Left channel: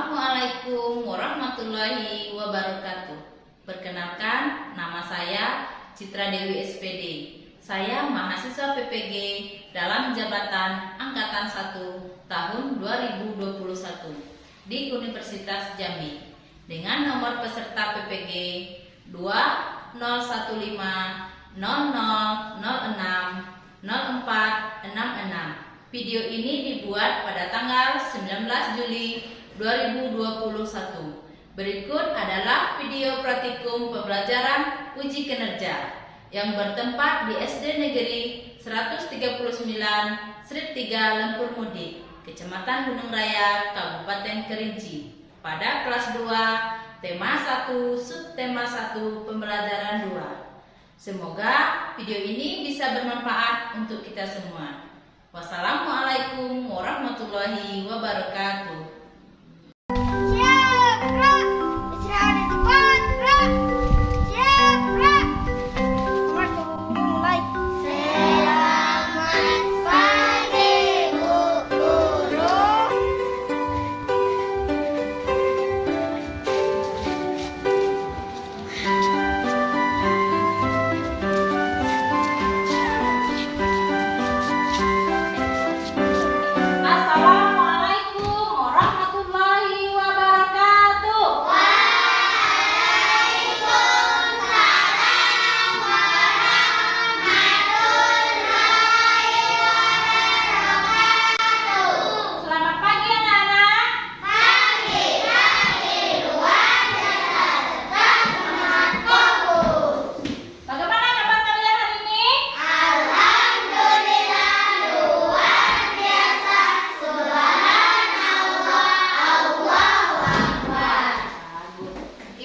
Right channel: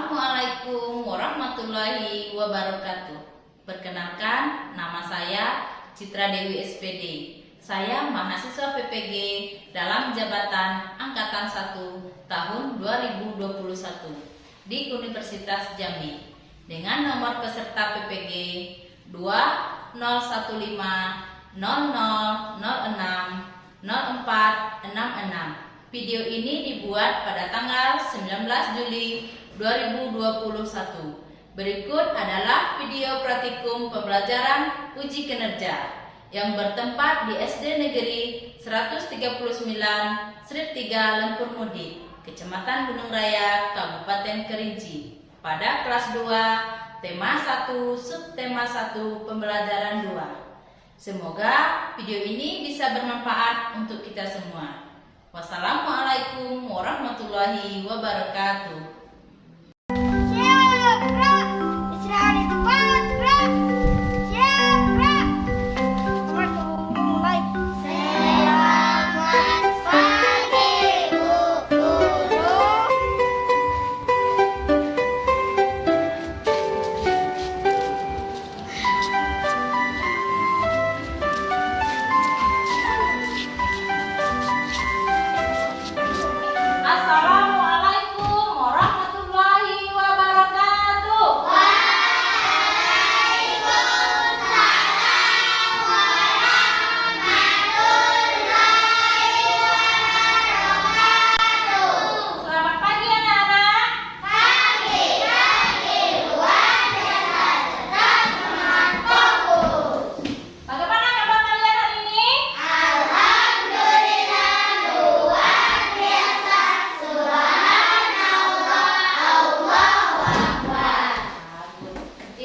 Assalamualaikum warahmatullahi wabarakatuh. Perkenalkan, nama saya Citra Dewi SPD. Saya mahasiswa PPG dalam jabatan Angkatan 1 tahun 2021 di Universitas Jambi dengan nomor peserta PPG 201500060466. Video ini dibuat pada tanggal 19 Juli 2021. Berikut adalah video praktikum pembelajaran uji kinerja yang bertempat di SD Negeri 139 Srip 3 Lempur Mudik, Kecamatan Gunung Raya, Kabupaten Kerinci. Pada kelas 2, tema 1, subtema 1, pembelajaran 2. Semoga video ini bisa bermanfaat untuk kita semua. Wassalamualaikum warahmatullahi wabarakatuh.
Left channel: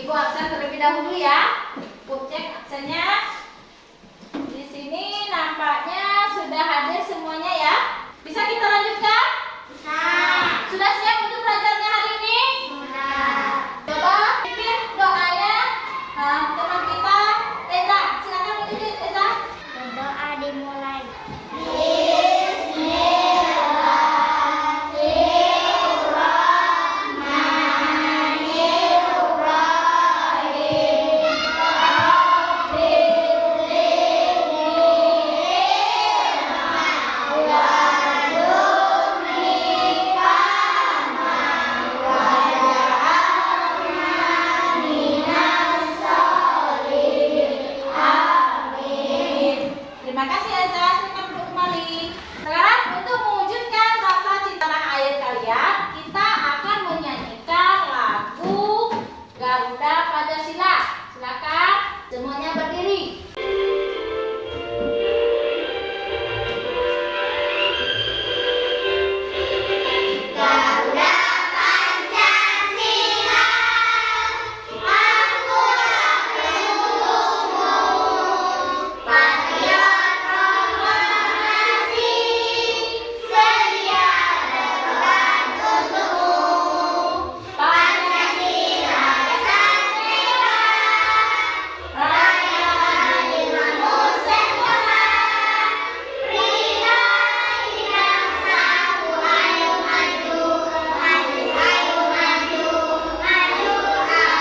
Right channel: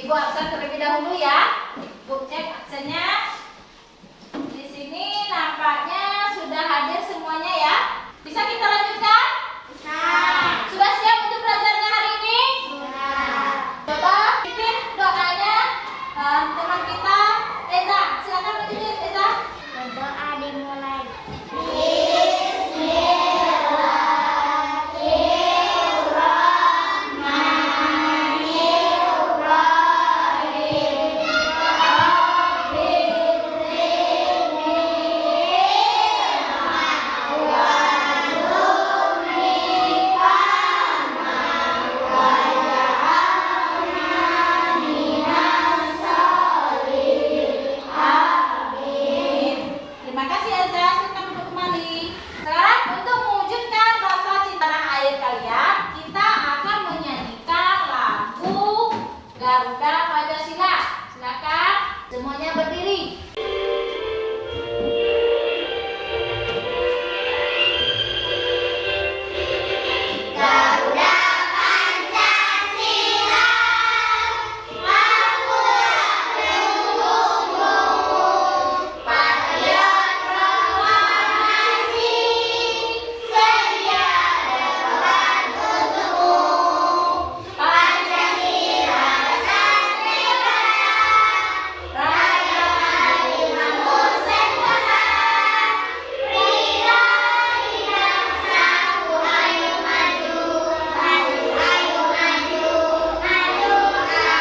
Ibu absen terlebih dahulu ya. Ibu cek absennya. Di sini nampaknya sudah hadir semuanya ya. Bisa kita lanjutkan? Bisa. Sudah siap untuk belajarnya hari ini? Sudah. Coba pimpin doanya teman kita Eza. Silakan pimpin Eza. Berdoa dimulai. Garuda Pancasila. Silakan semuanya berdiri. Garuda Pancasila, akulah pendukungmu, patriot proklamasi, sedia berkorban untukmu.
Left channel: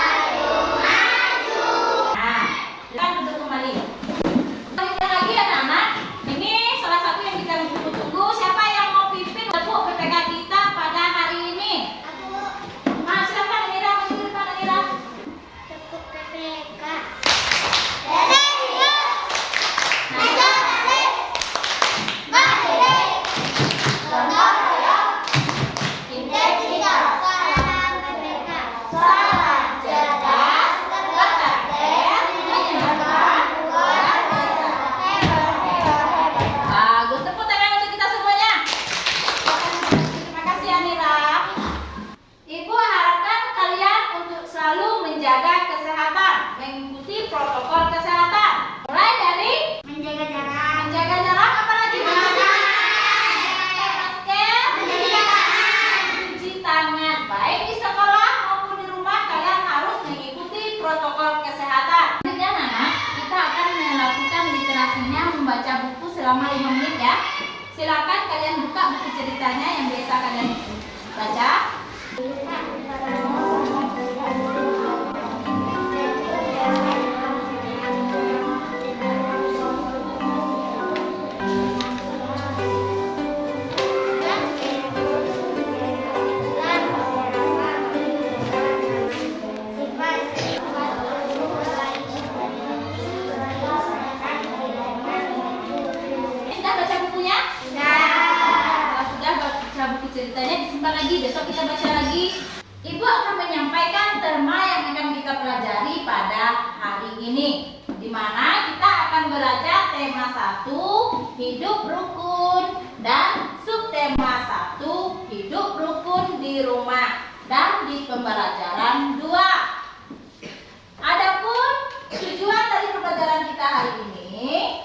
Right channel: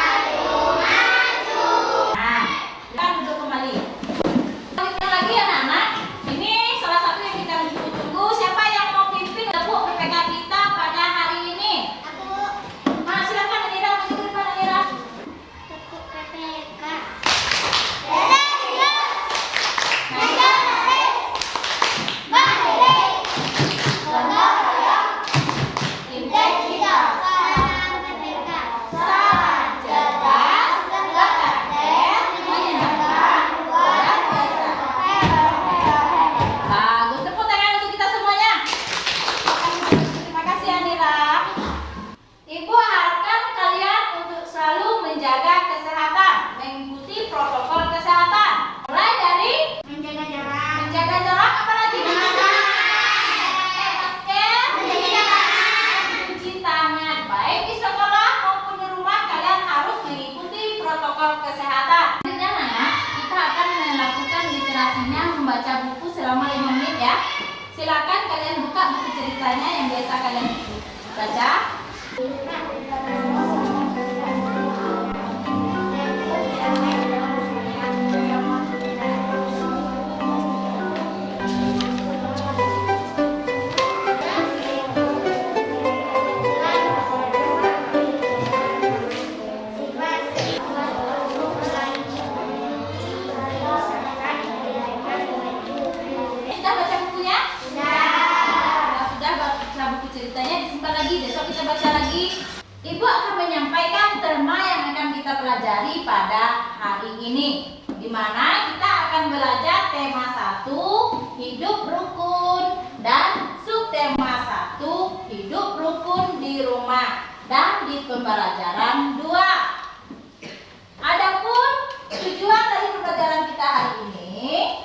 Pancasila protokol kesehatan. Mulai dari menjaga jarak apalagi pakai masker, mencuci tangan. Baik di sekolah maupun di rumah kalian harus mengikuti protokol kesehatan. Selanjutnya anak, kita akan melakukan literasinya membaca buku selama 5 menit ya. Silakan kalian buka buku ceritanya yang biasa kalian baca. pelajari pada hari ini, di mana kita akan belajar tema 1 hidup rukun dan subtema 1 hidup rukun di rumah dan di pembelajaran 2. Adapun tujuan dari pembelajaran kita hari ini,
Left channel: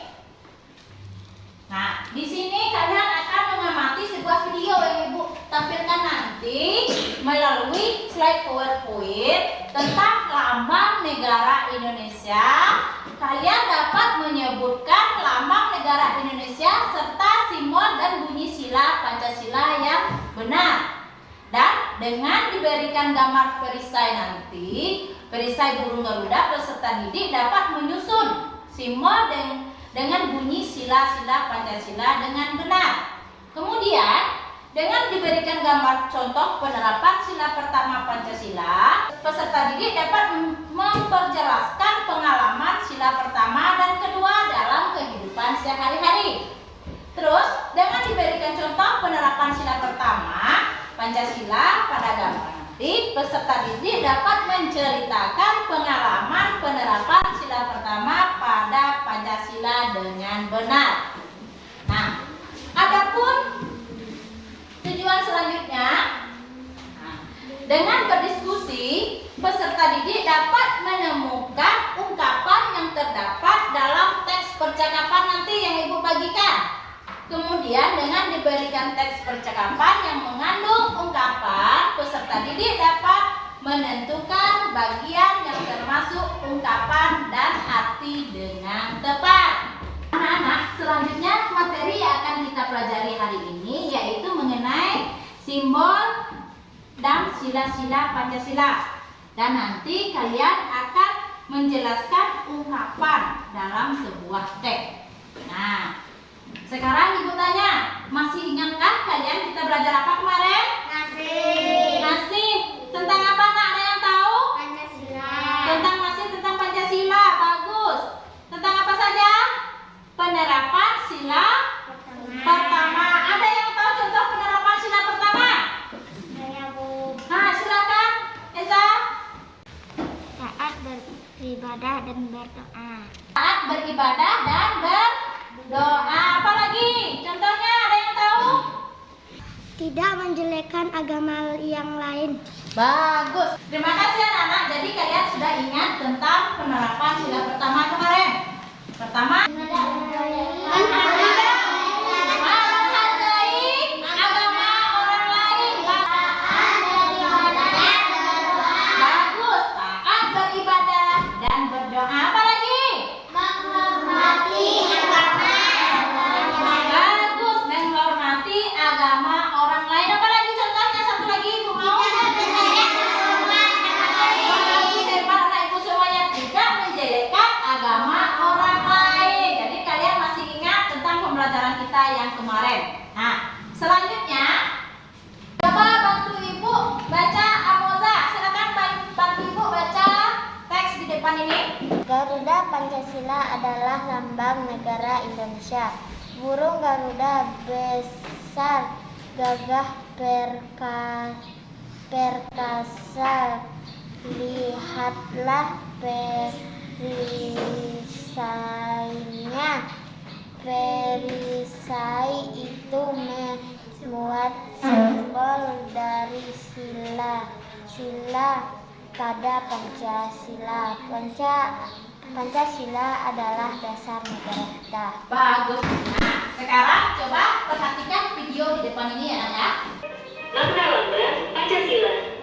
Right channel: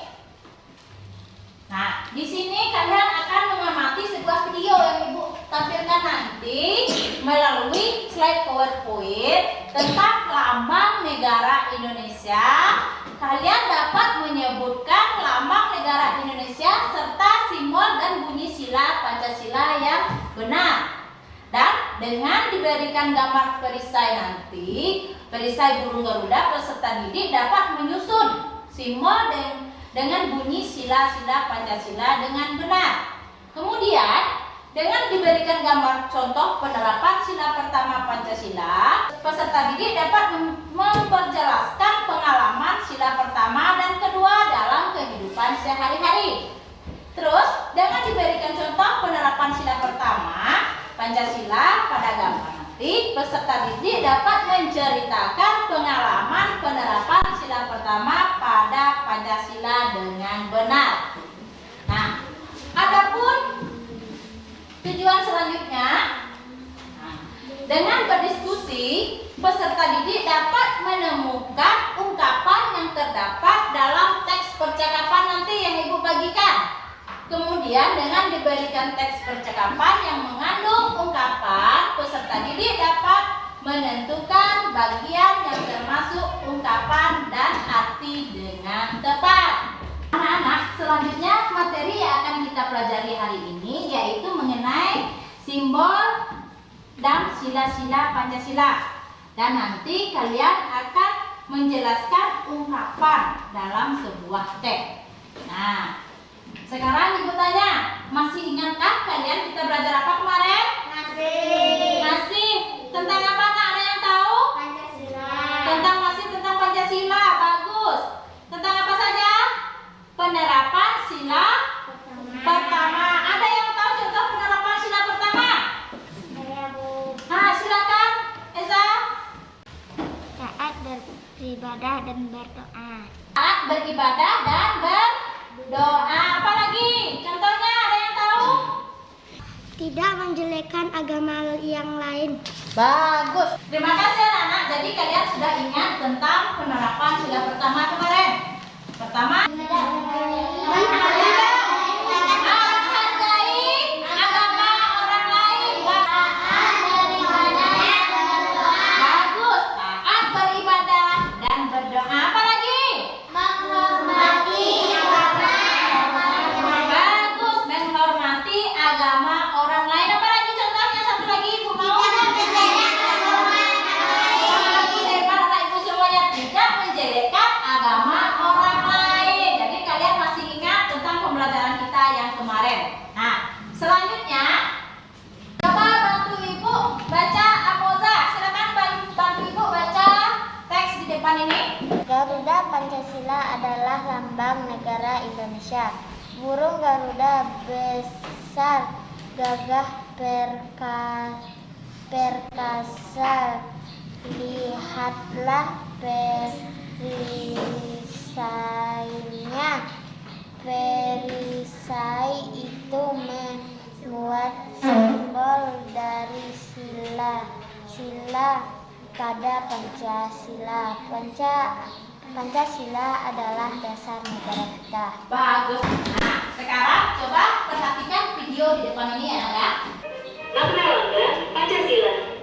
nah di sini kalian akan mengamati sebuah video yang Ibu tampilkan nanti melalui slide PowerPoint tentang lambang negara Indonesia. Kalian dapat menyebutkan lambang negara Indonesia serta simbol dan bunyi sila Pancasila yang benar. Dan dengan diberikan gambar perisai nanti, perisai burung Garuda peserta didik dapat menyusun simbol dengan bunyi sila-sila Pancasila dengan benar. Kemudian dengan diberikan gambar contoh penerapan sila pertama Pancasila, peserta didik dapat memperjelaskan pengalaman sila pertama dan kedua dalam kehidupan sehari-hari. Terus, dengan diberikan contoh penerapan sila pertama Pancasila pada gambar nanti, peserta didik dapat menceritakan pengalaman penerapan sila pertama pada Pancasila dengan benar. Nah, adapun tujuan selanjutnya, dengan berdiskusi, peserta didik dapat menemukan ungkapan yang terdapat dalam teks percakapan nanti yang Ibu bagikan. Kemudian dengan diberikan teks percakapan yang mengandung ungkapan, peserta didik dapat menentukan bagian yang termasuk ungkapan dan arti dengan tepat. Anak-anak, selanjutnya materi yang akan kita pelajari hari ini yaitu mengenai simbol dan sila-sila Pancasila. Dan nanti kalian akan menjelaskan ungkapan dalam sebuah teks. Nah, sekarang Ibu tanya, masih ingatkah kalian kita belajar apa kemarin? Masih. Tentang apa, nak? Ada yang tahu? Pancasila. Tentang Pancasila. Bagus. Tentang apa saja? Penerapan sila pertama. Ada yang tahu contoh penerapan sila pertama? Saya Bu. Nah, silakan, Eza. Taat beribadah dan berdoa. Taat beribadah dan berdoa. Apa lagi? Contohnya ada yang tahu? Tidak menjelekkan agama yang lain. Bagus. Terima kasih anak-anak. Jadi kalian sudah ingat tentang penerapan sila pertama kemarin. Pertama, menghargai agama orang lain. Bagus. Taat beribadah dan berdoa. Apa lagi? Menghormati agama. Bagus. Menghormati agama orang lain. Apa lagi contohnya? Satu lagi Ibu mau. Bagus, hebat anak Ibu semuanya. Tidak menjelekkan agama orang lain. Jadi kalian masih ingat tentang pembelajaran kita yang kemarin. Nah, selanjutnya coba bantu Ibu baca Amoza. Silakan bantu Ibu baca teks di depan ini. Garuda Pancasila adalah lambang negara Indonesia. Burung Garuda besar, gagah, perkasa. Lihatlah perisainya. Perisai itu memuat simbol dari sila pada Pancasila. Pancasila adalah dasar negara kita. Bagus. Nah, sekarang coba perhatikan video di depan ini ya, anak. Makna lambang Pancasila.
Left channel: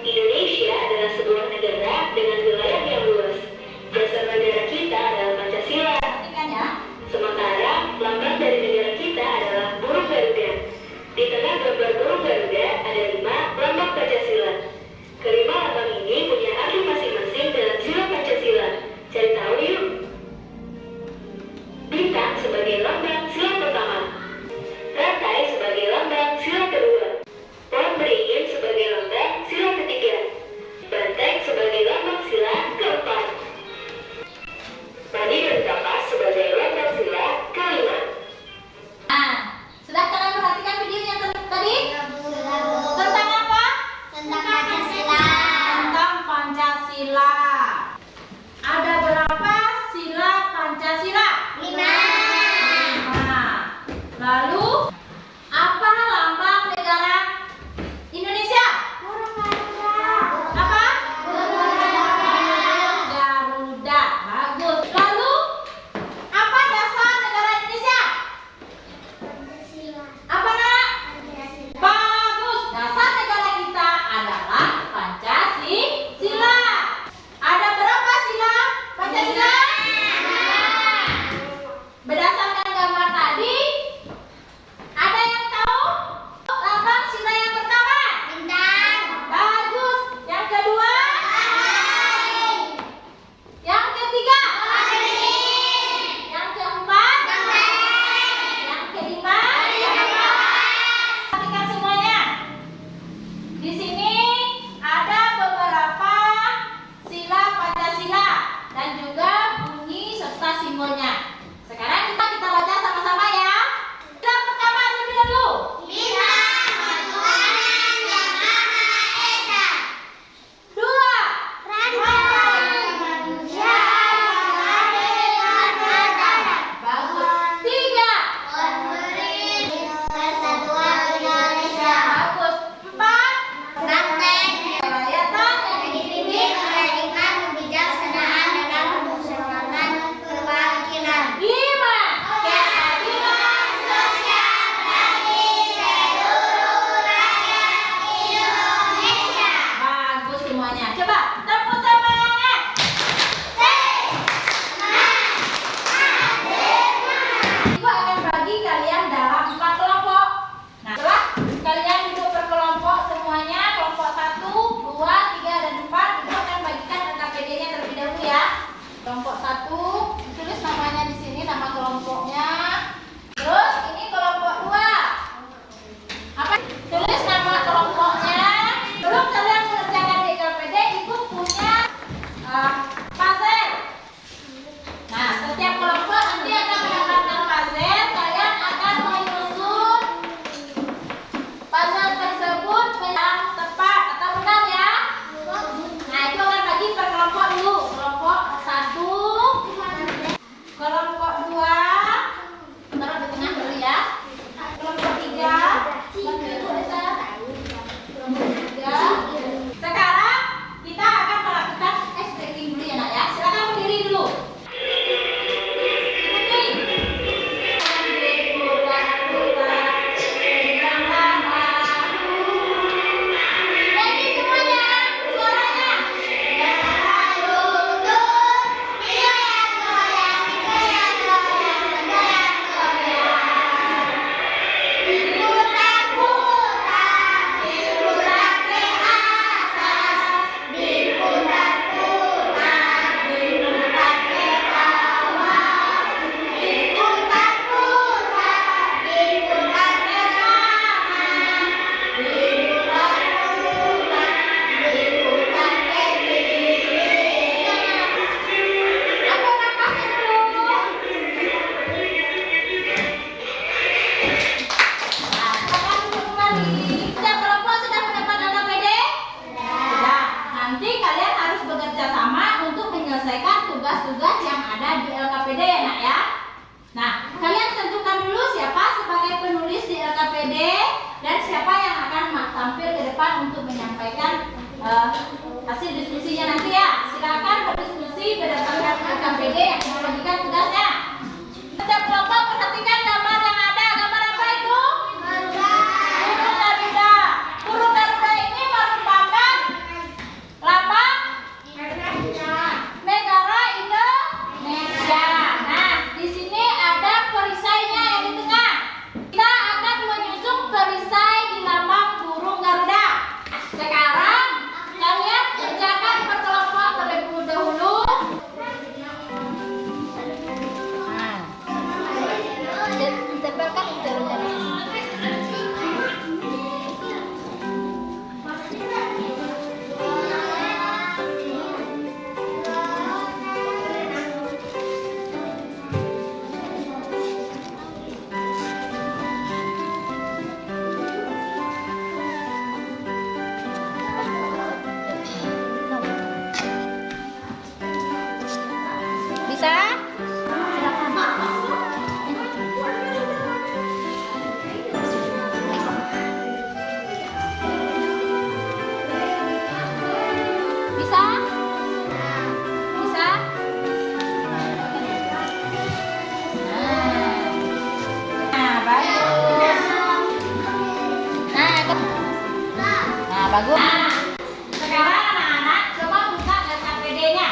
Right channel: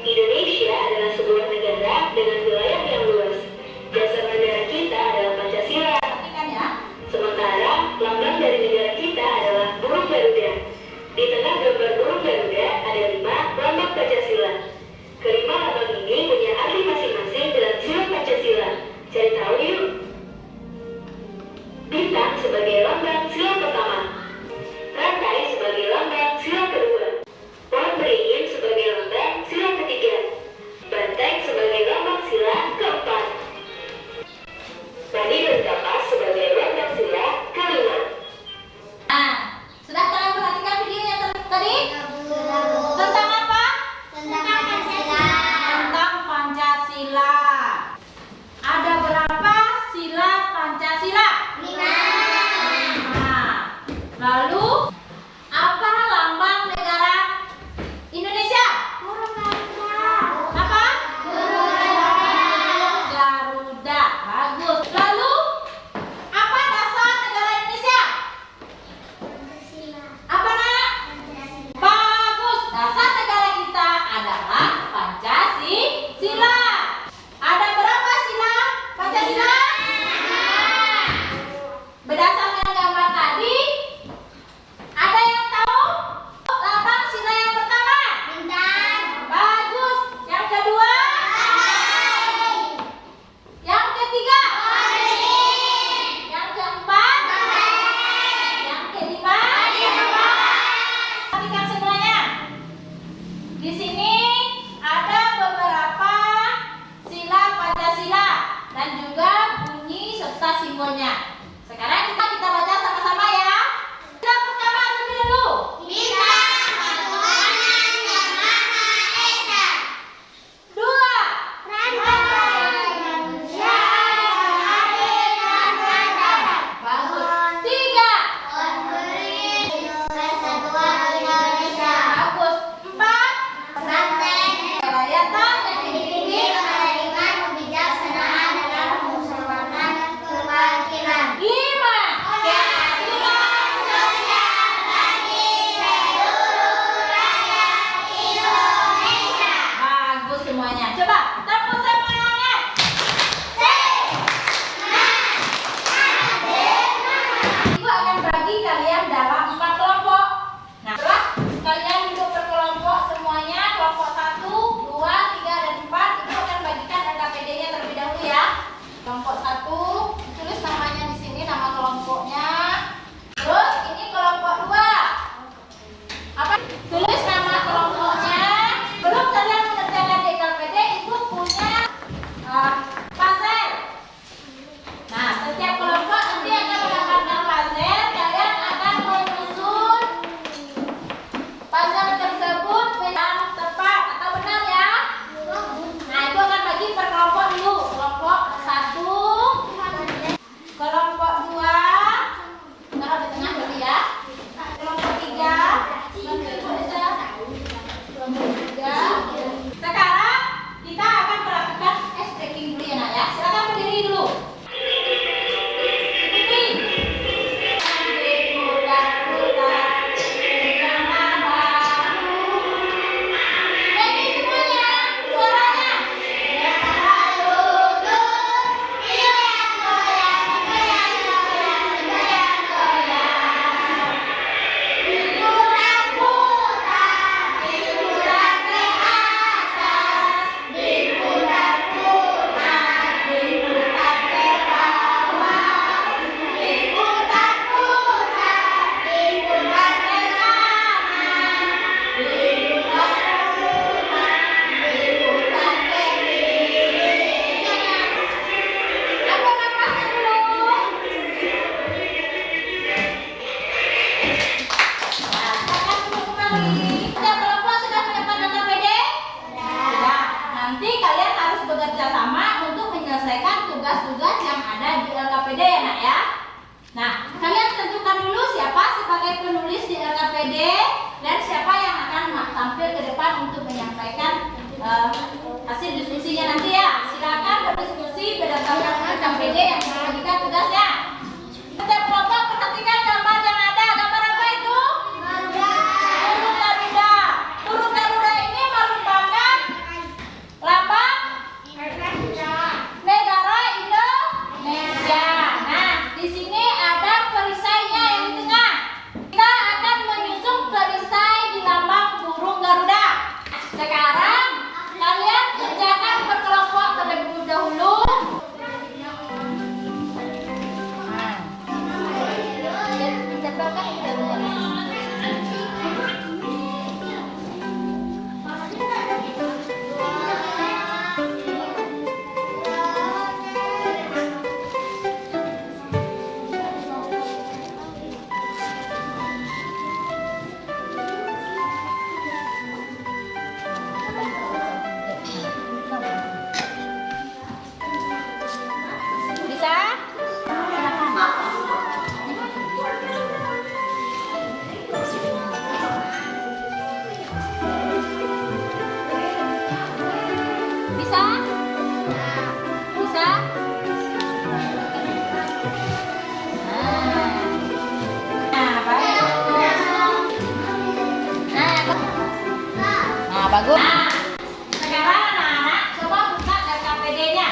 Indonesia adalah sebuah negara dengan wilayah yang luas. Dasar negara kita adalah Pancasila. Perhatikan ya. Sementara lambang dari negara kita adalah burung Garuda. Di tengah gambar burung Garuda ada 5 lambang Pancasila. Kelima lambang ini punya arti masing-masing dalam sila Pancasila. Cari tahu yuk. Bintang sebagai lambang sila pertama. Rantai sebagai lambang sila kedua. Pohon beringin sebagai lambang sila ketiga. Banteng sebagai lambang sila keempat. Coba tepuk sama tangan. Ibu akan bagi kalian dalam 4 kelompok. Nah, setelah kalian duduk berkelompok semuanya, kelompok 1, 2, 3, dan 4, ibu akan bagikan LKPD-nya terlebih dahulu ya. Kelompok 1, tulis namanya di sini, nama kelompoknya. Terus ini kelompok 2. Apa? Tulis nama kelompoknya. Belum kalian mengerjakan di LKPD, ibu punya puzzle. Nah, setiap kelompok nanti akan mendapatkan puzzle. Kalian akan menyusun puzzle tersebut yang tepat atau benar ya. Nah, itu akan bagi per kelompok dulu. Kelompok 1, kelompok 2, taruh di tengah dulu ya. Kelompok 3, nanti ibu bisa. Kelompok 3. Sekarang kita akan melakukan stretching dulu ya nak ya. Silakan berdiri dulu. Setiap kelompok sudah mendapatkan LKPD? Sudah. Nanti kalian harus bekerja sama untuk menyelesaikan tugas-tugas yang ada di LKPD ya nak ya. Nah, kalian tentukan dulu siapa sebagai penulis di LKPD dan siapa yang akan tampil ke depan untuk menyampaikan hasil diskusinya nanti ya. Silakan berdiskusi berdasarkan LKPD yang dibagikan tugasnya. Setiap kelompok perhatikan gambar yang ada. Gambar apa itu? Burung Garuda. Burung Garuda ini merupakan lambang negara Indonesia. Nah, di sini ada perisainya yang di tengah. Kita akan menyusun perisai di lambang burung Garuda. Sekarang kalian kerjakan per kelompok terlebih dahulu. Ditempelkan bisa? Bisa? Bisa? Nah, bagus. Nah, bagus. Nah, sekarang anak-anak coba buka LKPD-nya.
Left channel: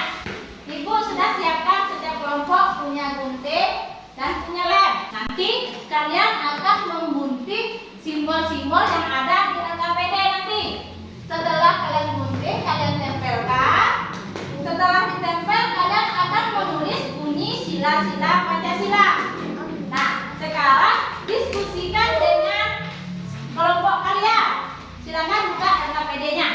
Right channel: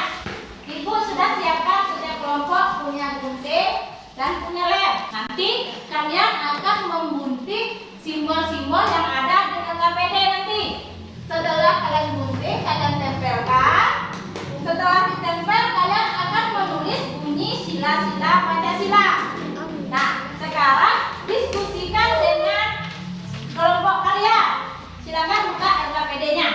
Ibu sudah siapkan setiap kelompok punya gunting dan punya lem. Nanti kalian akan membunting simbol-simbol yang ada di LKPD nanti. Setelah kalian gunting, kalian tempelkan. Setelah ditempel, kalian akan menulis bunyi sila-sila Pancasila. Nah, sekarang diskusikan dengan kelompok kalian. Silakan buka LKPD-nya.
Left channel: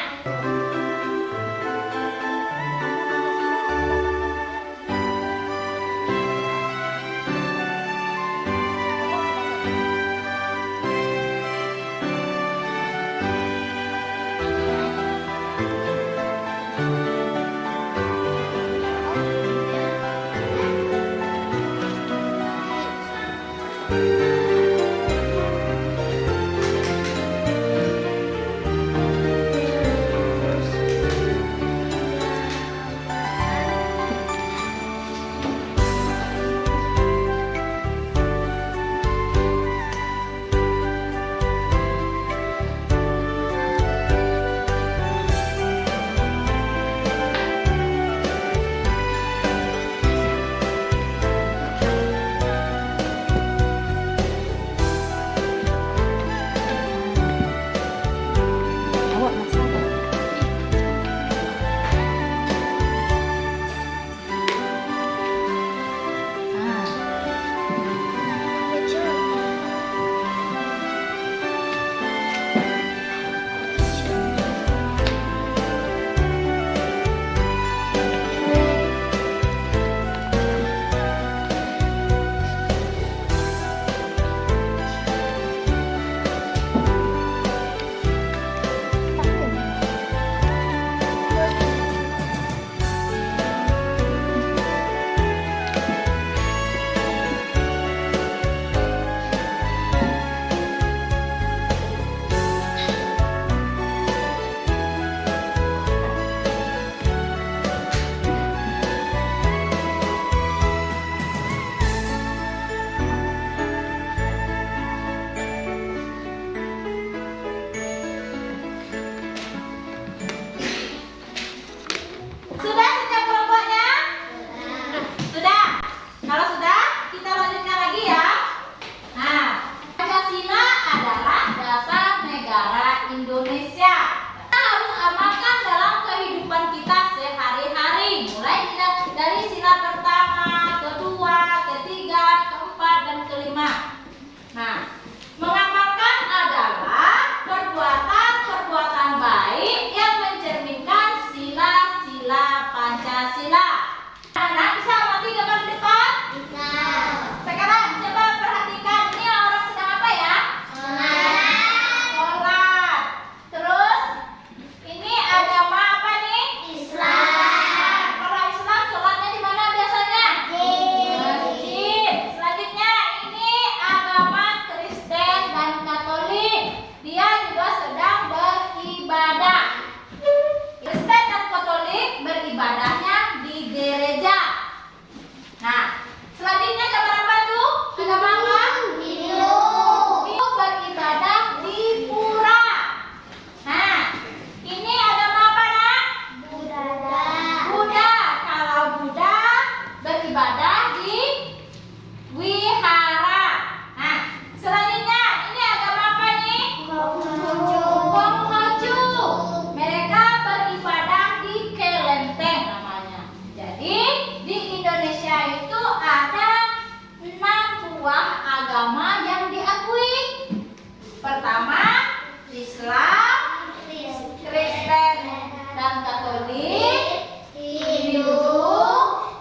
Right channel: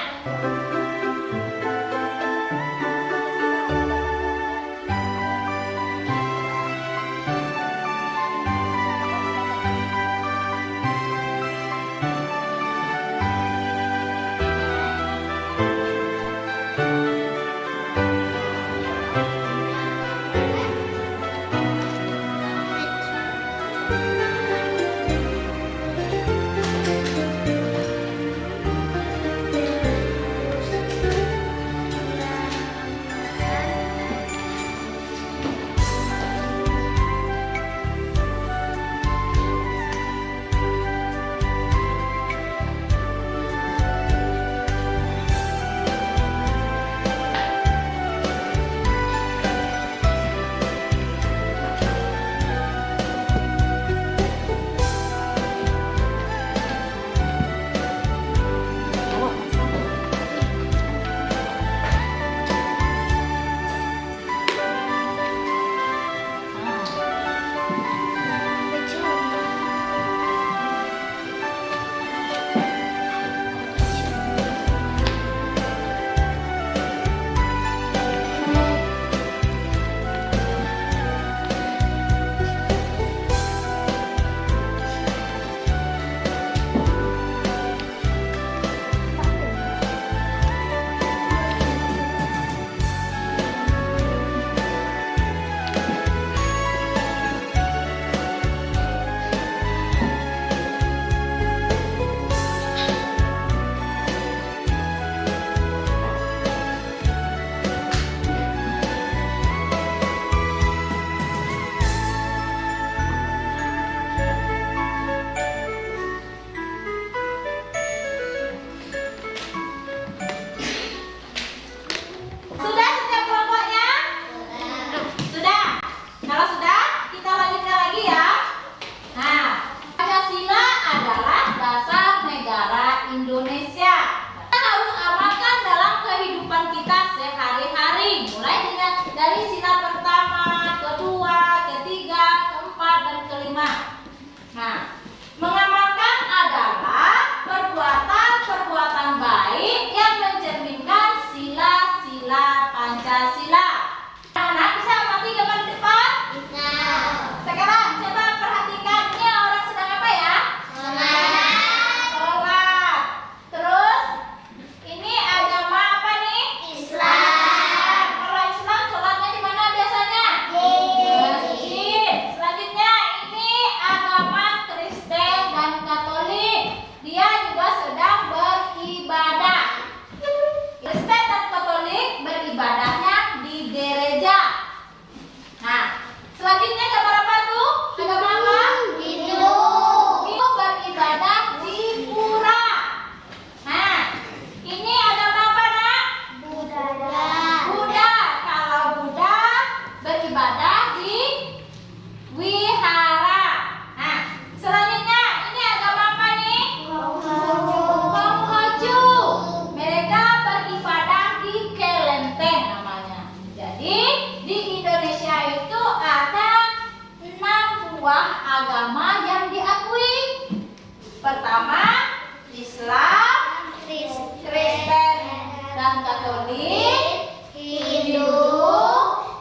Kristen Katolik, Hindu,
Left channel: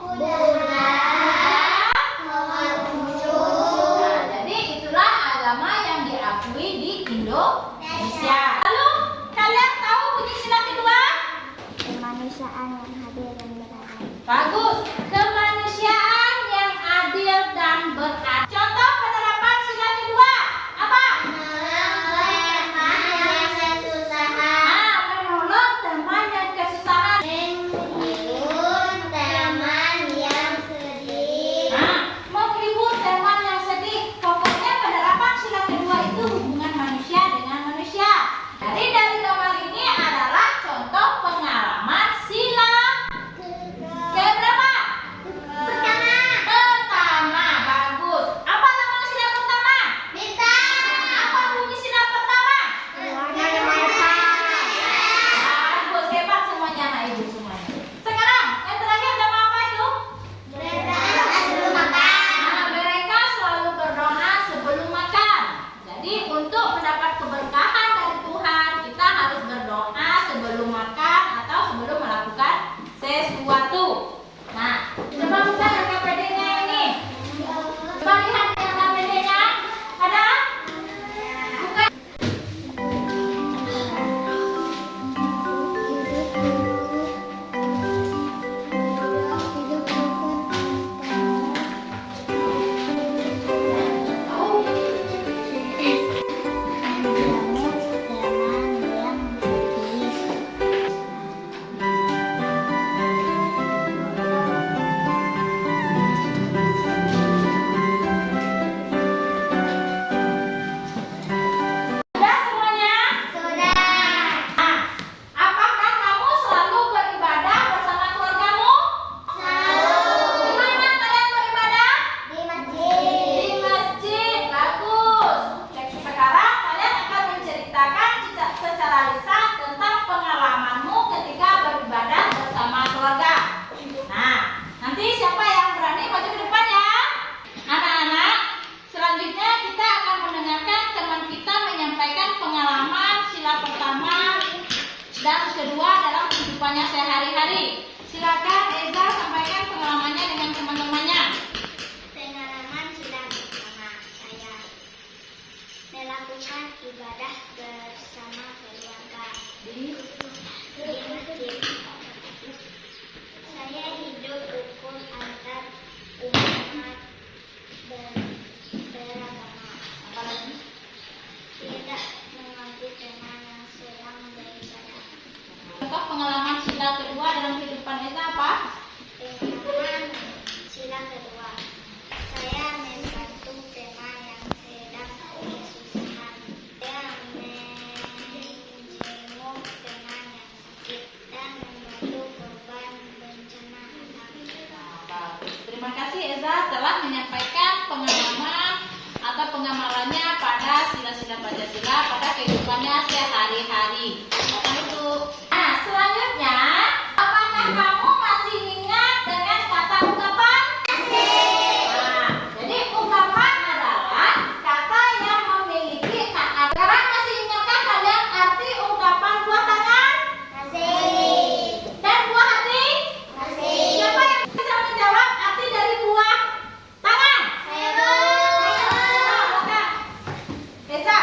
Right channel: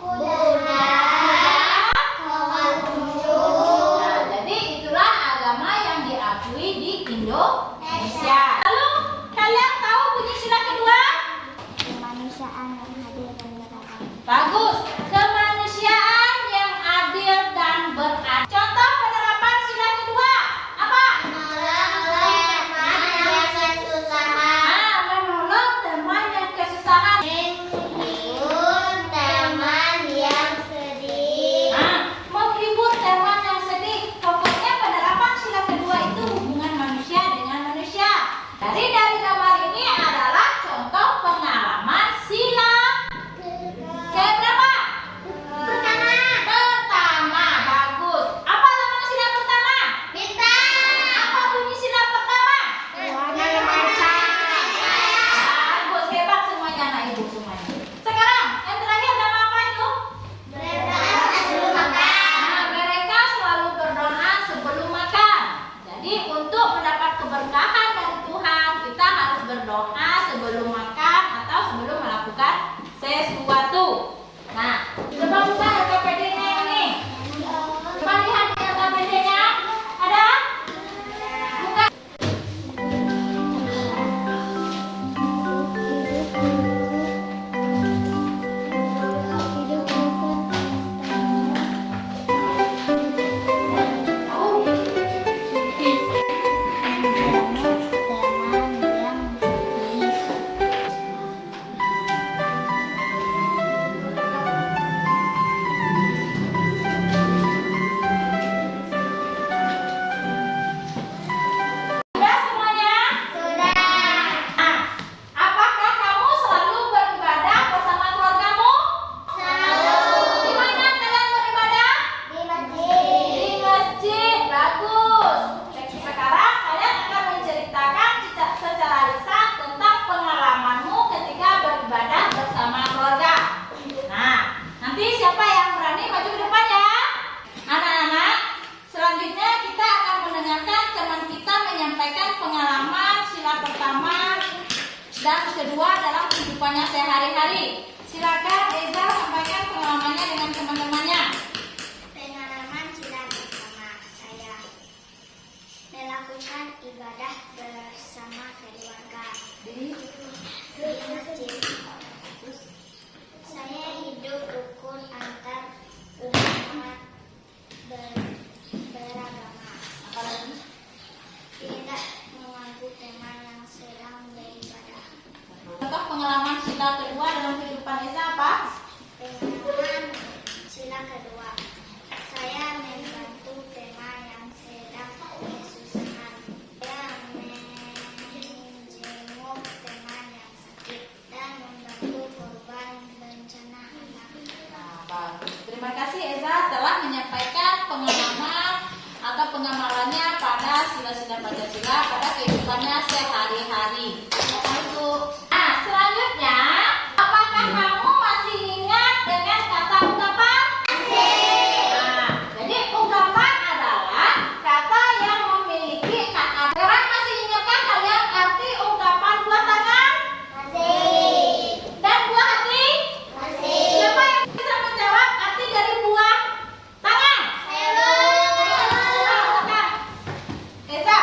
Buddha, Konghucu. Nah, jadi itulah agama yang diakui di Indonesia. Lalu kalian tahu bunyi sila kedua? Kemanusiaan yang hadir dan beradab. Bagus. Kemanusiaan yang adil dan beradab. Contoh penerapan sila kedua apa? Menolong teman yang kesusahan. Menghibur teman yang sedih. Pokoknya penerapan sila kedua itu hubungan manusia dengan manusia. Dari gambar ini adalah contoh pengalaman sila keberapa? Pertama. Bagus. Apa nama sila pertama? Apa bunyi sila pertama? Bagus, hebat semuanya anak ibu semuanya. Sekarang yang terakhir nama apa itu? Mereka selalu berdoa sebelum makan. Jadi untuk mendapat keberkahan dari Tuhan, kita harus berdoa sebelum makan atau sebelum melakukan sesuatu. Nah, coba buka LKPD-nya ini. Coba lihat di LKPD-nya. Ada? Buka. Hidup rukun teman yang sedih. Sudah semuanya? Nah, apakah kamu selalu beribadah bersama keluargamu? Di mana kalian beribadah? Di masjid. Bagus. Sekarang kalian akan menceritakan secara lisan tentang pengalamanmu ketika beribadah bersama keluarga. Nah, nanti siapa yang berani maju ke depan ya? Anak-anak, selanjutnya kita akan mendengarkan teman kita menyampaikan pengalaman sila pertama dan kedua dalam kehidupannya sehari-hari. Silakan Eza sampaikan pengalamannya dengan teman-temannya. Pengalaman sila pertama saya melakukan ibadah bersama keluarga di masjid. Saya hidup rukun antar umat beragama. Apalagi? Tidak mengganggu teman yang sedang beribadah. Contoh pengalaman sila kedua dalam kehidupan Eza apa? Pengalaman sila kedua, saya membantu teman yang sedang kesusahan. Saya menjenguk teman yang sakit dan membantu korban bencana alam. Bagus. Terima kasih Eza telah menyampaikan pengalaman atau pengamalannya pada sila-sila Pancasila pada kehidupannya sehari-hari. Itu. Nah, selanjutnya, apakah kamu masih ingat dengan kata ungkapan? Nah, jadi ungkapan adalah kata yang memiliki kata. Sekarang masih ingatkah kalian arti ungkapan buah tangan? Dan buah hati? Siapa yang bisa menjawab arti dari buah tangan? Eza,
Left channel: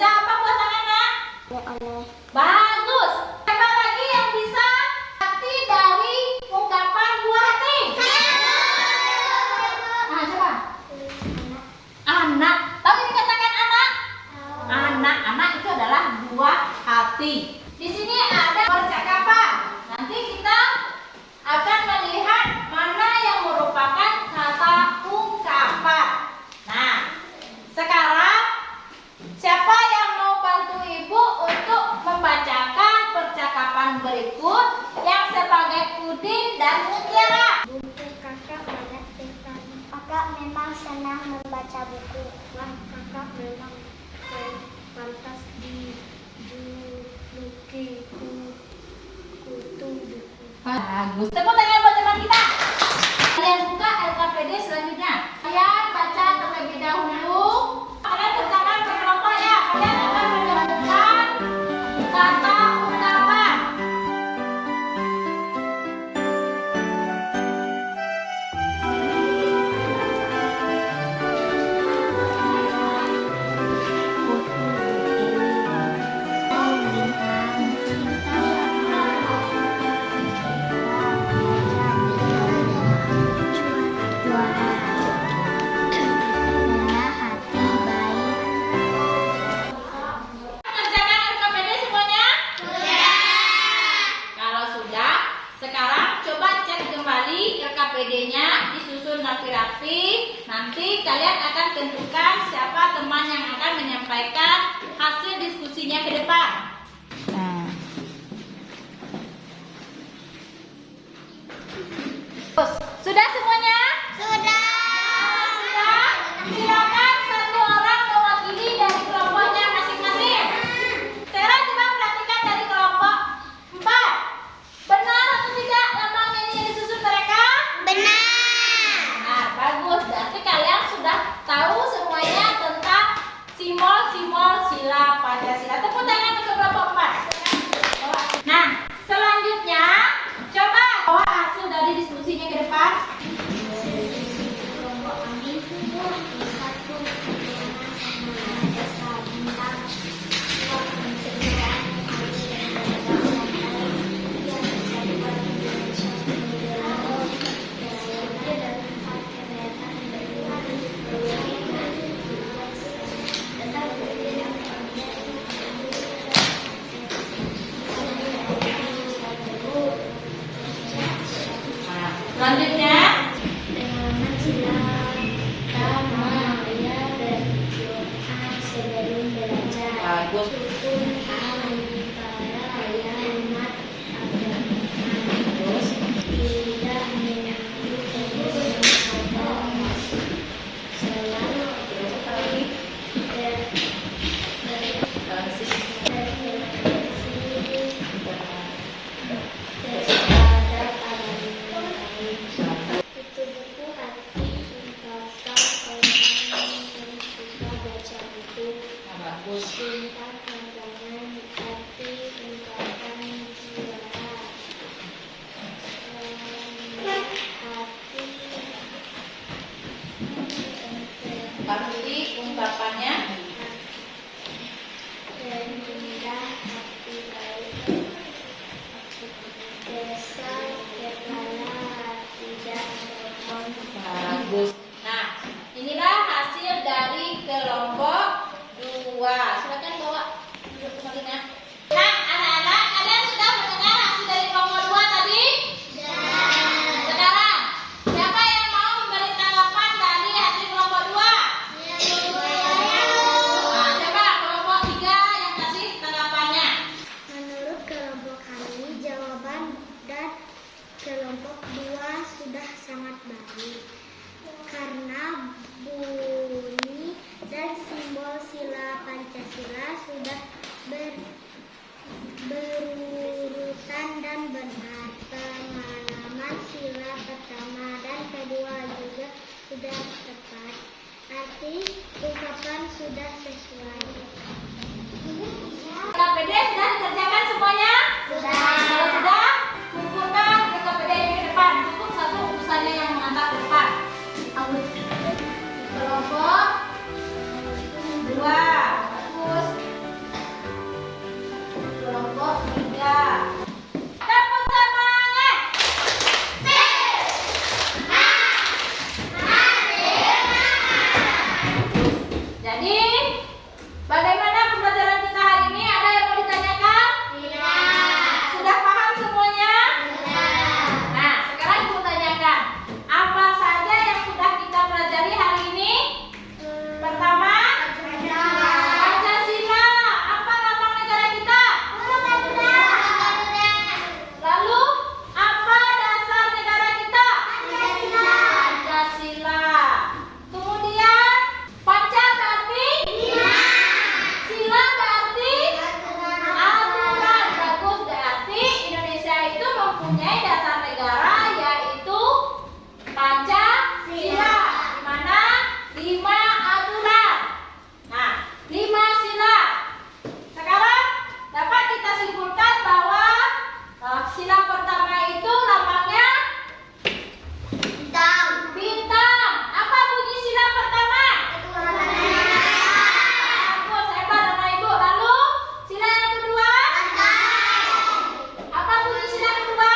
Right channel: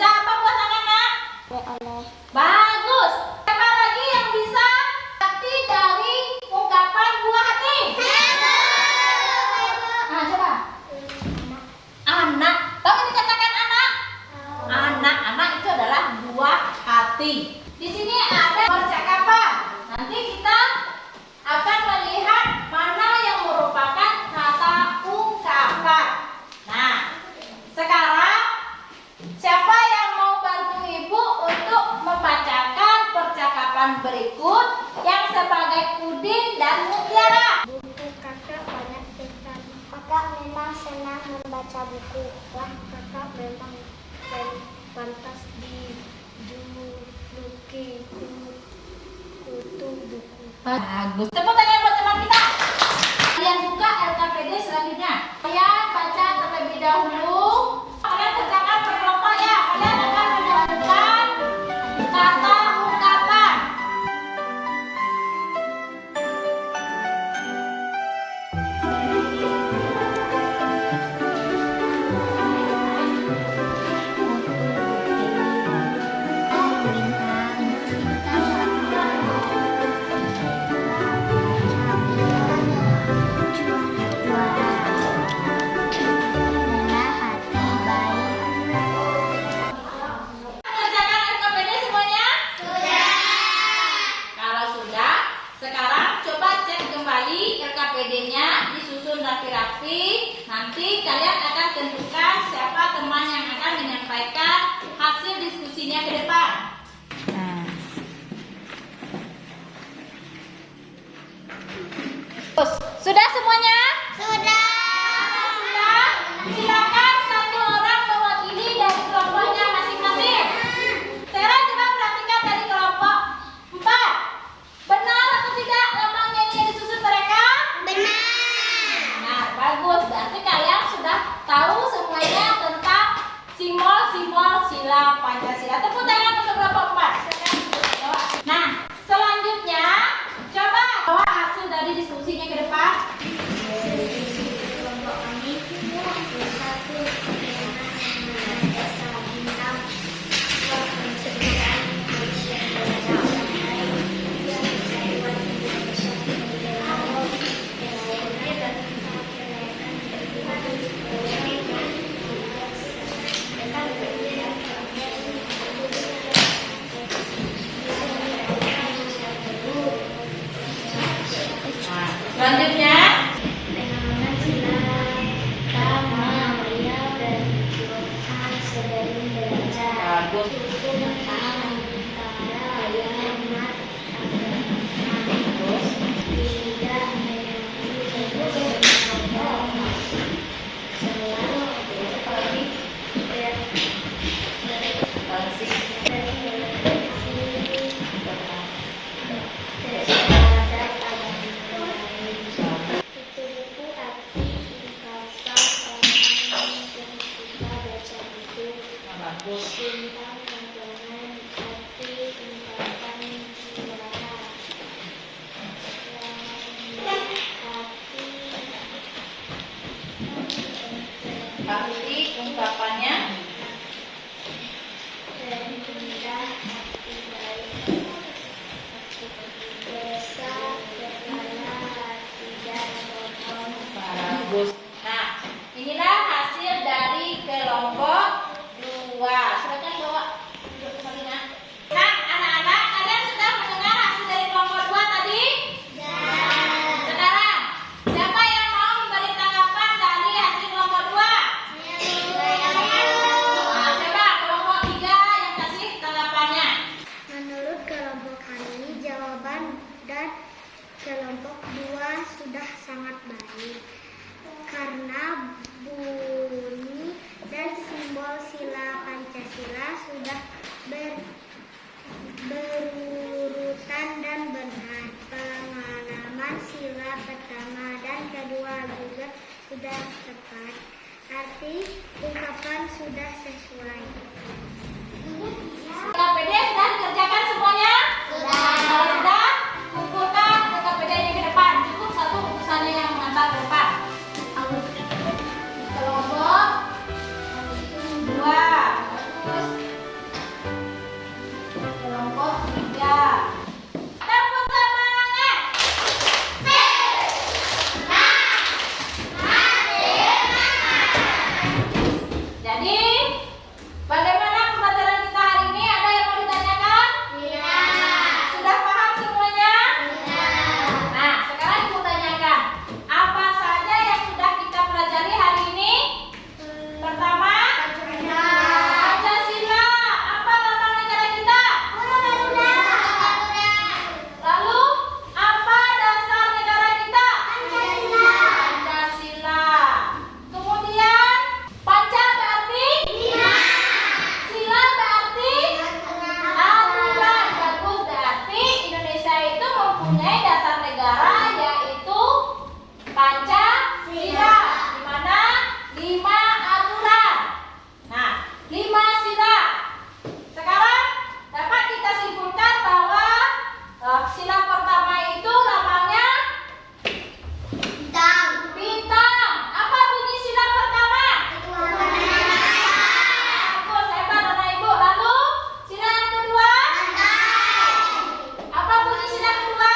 apa buah tangan, Nak? Oleh Bagus. Siapa lagi yang bisa arti dari ungkapan buah hati? Ah, coba. Anak. Tahu ini katakan anak? Anak itu adalah buah hati. Di sini ada percakapan. Nanti kita akan melihat mana yang merupakan kata ungkapan. Nah, sekarang siapa yang mau bantu ibu untuk membacakan percakapan berikut yang sebagai Udin dan Mutiara? buku kakak banyak cerita. Kakak memang senang membaca buku. Wah, kakak memang pantas dijuluki kutu buku. Bagus. Tepuk tangan buat teman kita. Kalian buka LKPD selanjutnya. Kalian baca terlebih dahulu. Kalian kerjakan berkelompok ya. Kalian akan menemukan kata ungkapan. rapi-rapi. Nanti kalian akan tentukan siapa teman yang akan menyampaikan hasil diskusinya ke depan. Nah. Sudah semuanya? Sudah. Sudah. Silakan satu orang mewakili dari kelompoknya masing-masing. Tera, coba perhatikan dari kelompok 4. Benar atau tidak lamangnya ini disusun mereka? Benar. Benar, bagus. Berarti kalian sudah tahu semuanya tentang simbol-simbol sila Pancasila. Tepuk tangan untuk kelompok 4. Nah, selanjutnya coba bawa hasil dari diskusinya ke depan. Kelompok kami satu Selanjutnya, penanaman sila Tama Maya dan Tuhan sebelum belajar. bagus. Rukun antara umat agama. Terus, Tidak menyakiti agama. Selalu terhadap agama lain. Itu buku arti ungkapan orang yang suka baca buku. bagus. Tentang pandangan arti ungkapan jiwa. Arti ungkapannya. Rendah hati baik. Desa berkala tidak sombong. Bagus. Nah, inilah hasil dari kelompok 2. Silakan bawa telinga. Nah, anak-anak, kalian sudah mendengar hasil dari kelompok 2 tadi? Sekarang, siapa yang mau memberi tanggapan dari hasil kelompok 2? Nah, coba kelompok 3 yang kasih tanggapannya. Menurut kelompok kami, jawaban dan kelompok 2 sudah sangat baik. Karena bunyi dan simbol sila Pancasila sudah berurutan dan benar. Pengalaman sila pertama dan kedua juga sudah tepat. Arti ungkapan sudah sesuai. KPD sudah dikerjakan semuanya? Sudah. Kalau sudah, kumpulkan ke KPD yang di depan. Cukup satu urusannya yang mengantar ke depan. Kelompok 2. Bagus. Kelompok 3. Tepuk semangat. Jadi, bagaimana pembelajaran kita hari ini? Ada yang mau ditanyakan? Sudah paham semuanya? Nah, sekarang ibu tanyakan, apa saja yang sudah kita pelajari hari ini? Pertama, Pancasila. Apa lambang negara kita? Lalu, apa dasar negara kita? Pancasila. Kemudian, Panca berarti? Sila berarti? Aturan. Bagus, berarti Indonesia itu mempunyai dasar negara yaitu Pancasila, di mana 5 aturan. Nah, 5 sila. Sekarang dapat kita simpulkan bahwa sila pertama itu lambangnya bintang. Apa bunyi sila pertama? Bagus, hebat anak ibu. Lalu sila yang kedua? Apa bunyi sila kedua?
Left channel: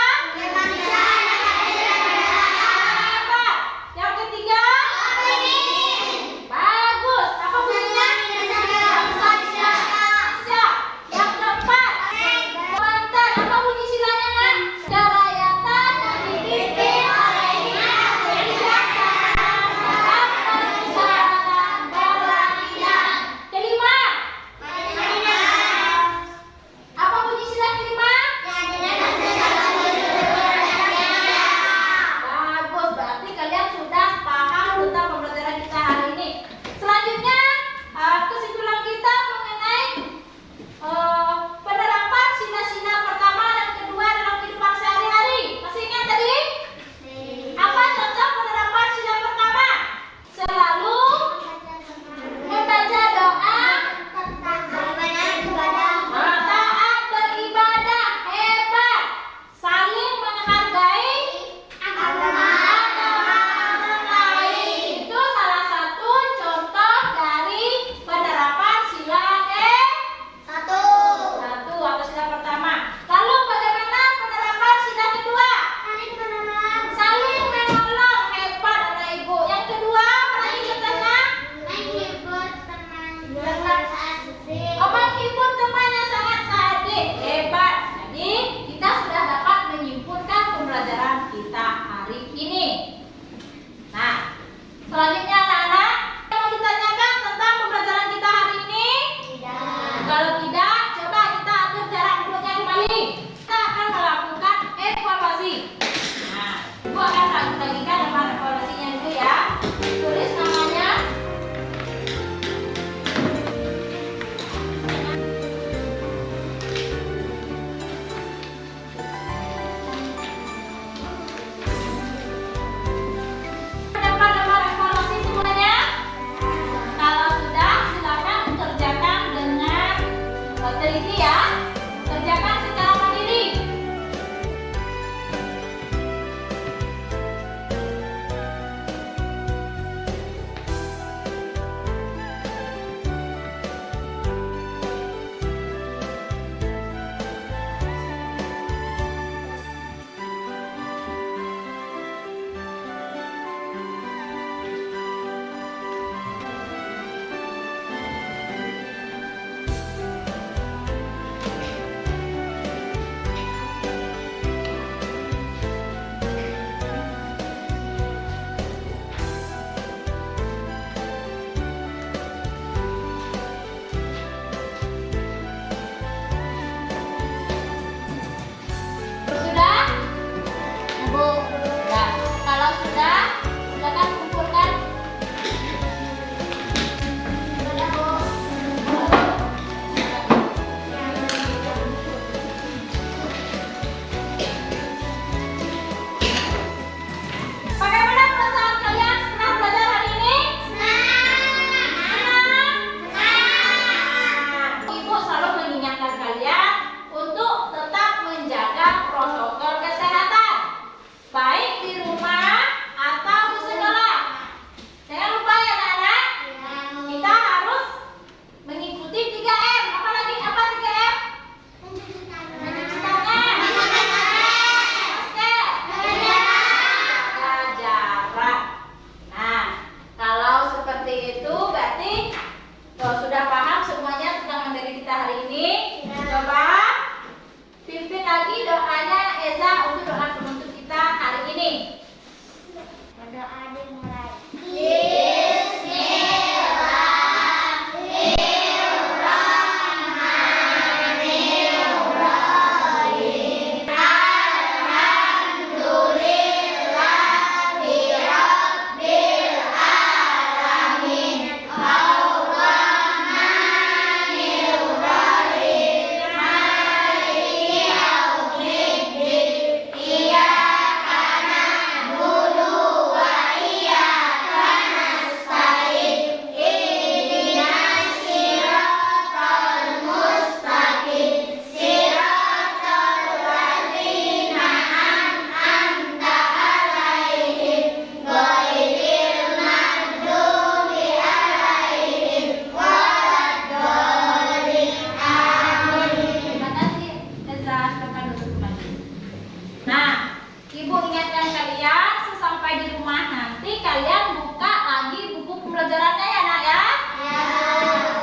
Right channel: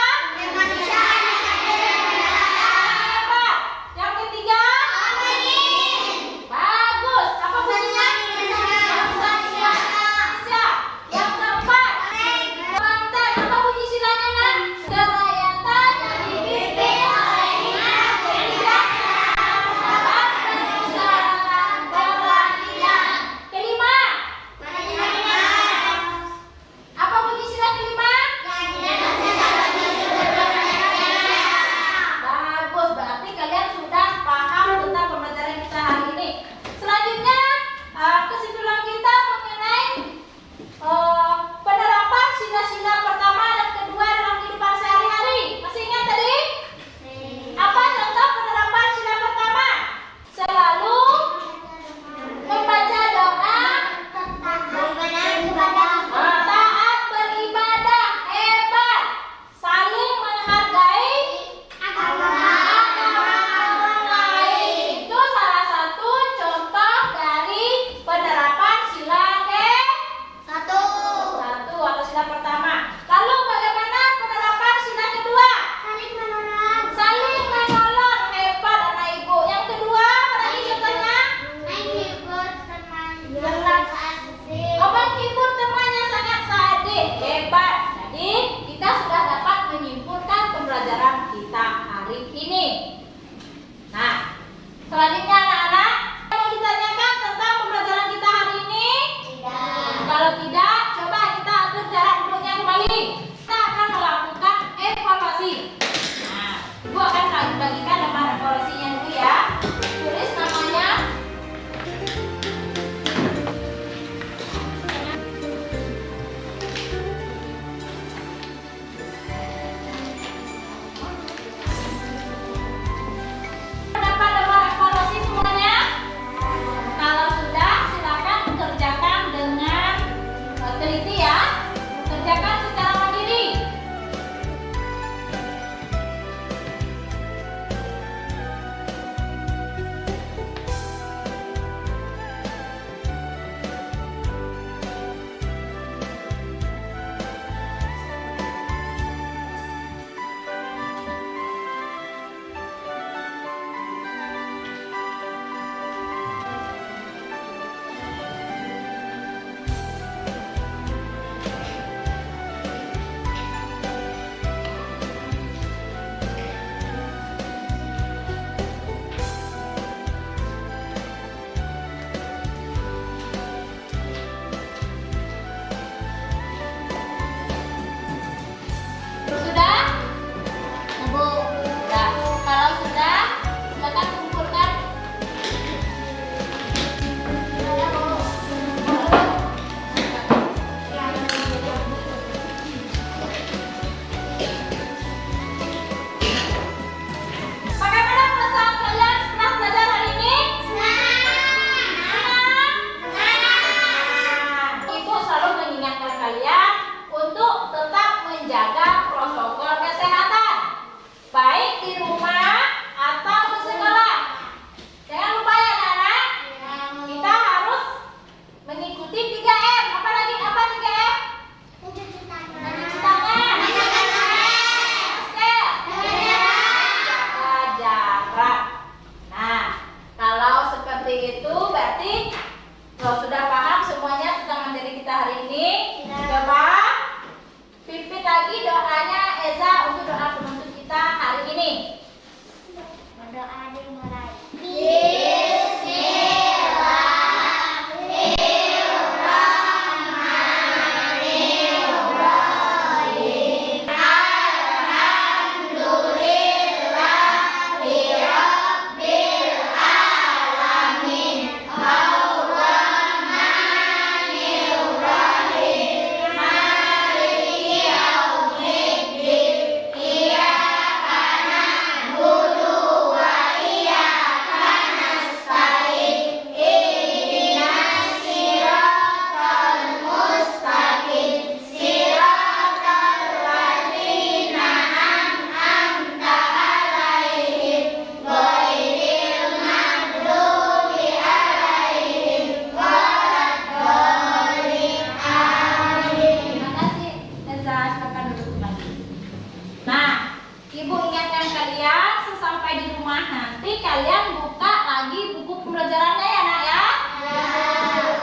kalian buka lagi buku pembelajarannya ya nak ya.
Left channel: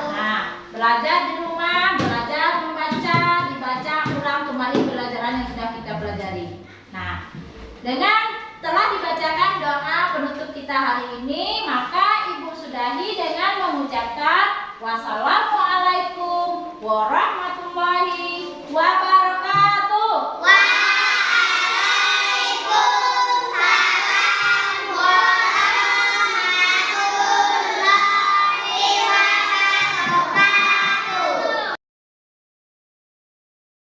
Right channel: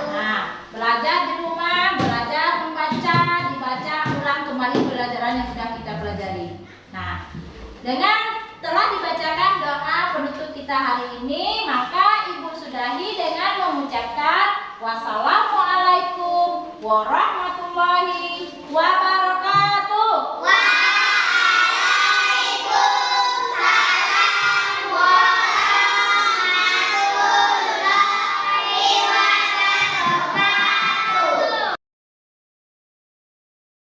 Nah, belajar di rumah, belajar membaca, dibaca ulang kembali pelajaran yang sudah kita pelajari. Nah, dengan telah dibacakan doa penutup kita hari ini, maka Ibu sudahi dengan mengucapkan wassalamualaikum warahmatullahi wabarakatuh.